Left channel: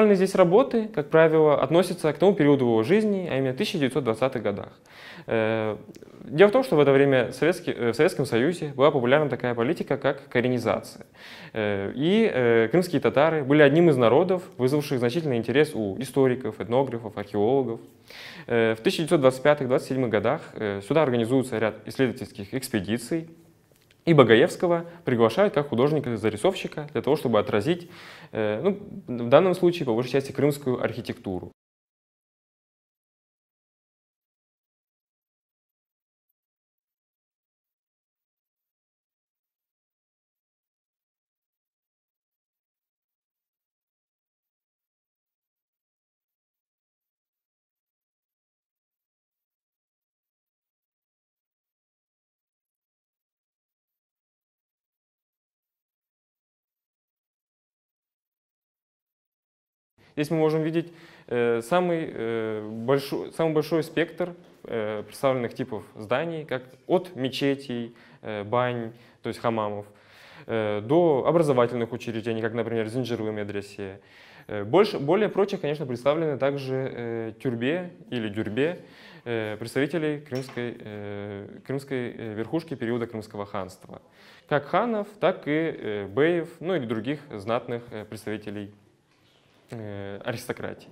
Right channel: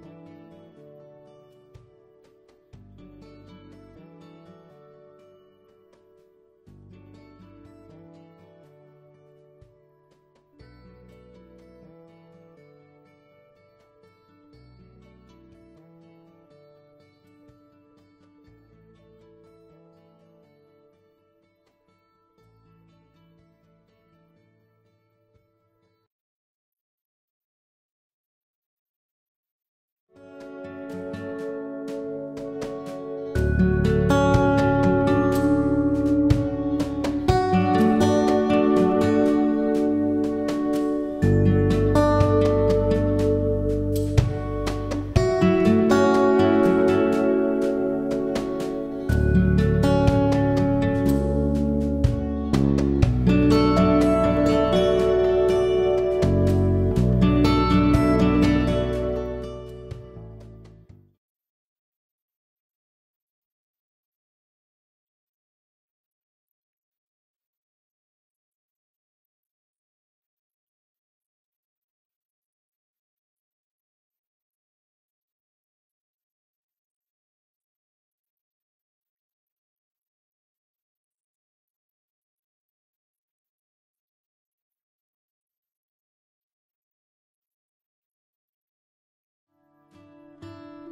Представленные здесь работы, как правило, относятся к тому периоду его жизни, а именно 1920-х годах. Дело в том, что в это время в Советском Союзе была популярна такая политика, как коренизация. И крымские татары были одним из народов, вызвавших значительный интерес у историков, этнографов, археологов. В 1925-27 годах сюда организуется ряд исследовательских экспедиций, и Багаевского приглашают как художника-зарисовщика для того, чтобы отразить, в данном случае, по большей части, крымскую архитектуру. Здесь мы можем видеть самый большой спектр представленных типов зданий, как от мечетей, бань, то есть хамамов, до образовательных учреждений, как, например, Зинджиры медресе. Более прочих, конечно, представлены также тюрбе или дюрбе представителей крымской верхушки периода Крымского ханства. Как ханов, так и беев, ну или других знатных представителей аристократии.